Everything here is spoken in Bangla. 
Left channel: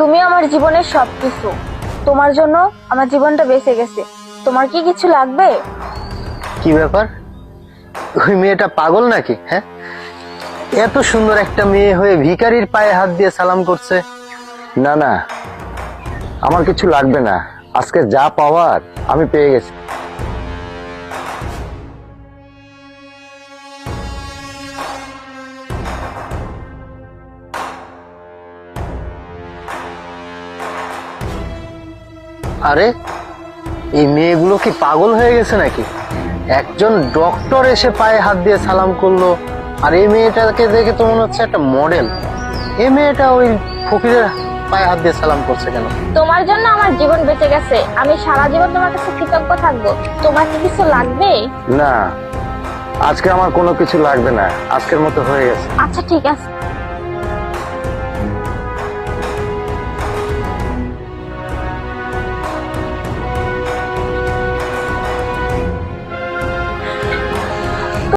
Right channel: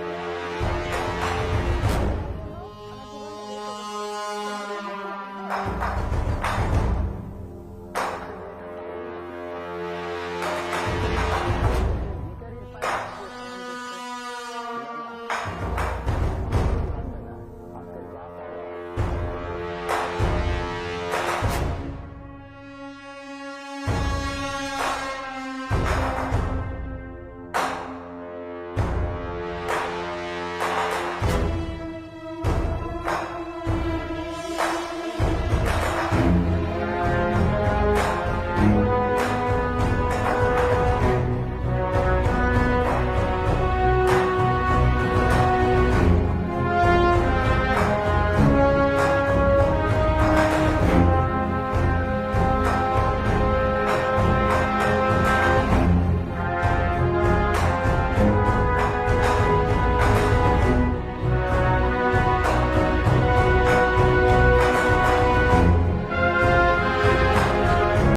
তুমি আমার জীবনের সবকিছু, তোমার জন্য আমার জীবনটা বেঁচে গেছে। তোমার কি কিছু লাগবে? কি ব্যাপার, ওই মেয়েটা পাগল নাকি? হ্যাঁ, এত সুন্দর একটা মেয়ে হয়ে ভিখারির পায়ে হাত দিয়ে সালাম করছে। না না, আমার কিছু লাগবে না, আজকে যা পাওয়ার আমি পেয়ে গেছি। আরে, এই মেয়েগুলো কি পাগল হয়ে গেছে নাকি? একজন ডক্টর এসে পায়ে হাত দিয়ে সালাম করলো, আর এই মেয়েটাকে দেখে তো মনে হচ্ছে একটা মডেল। এই মেয়েটা ওই ফকিরের পায়ে হাত দিয়ে সালাম করছে কেন? তোমার জন্য আমার জীবন বেঁচে গেছে, আমি সারা জীবন তোমার কাছে কৃতজ্ঞ থাকবো। তোমার কি কিছু লাগবে? না, আজকে আমার কোনো কিছু লাগবে না, আজকের মতো হয়ে গেছে। আচ্ছা ঠিক আছে।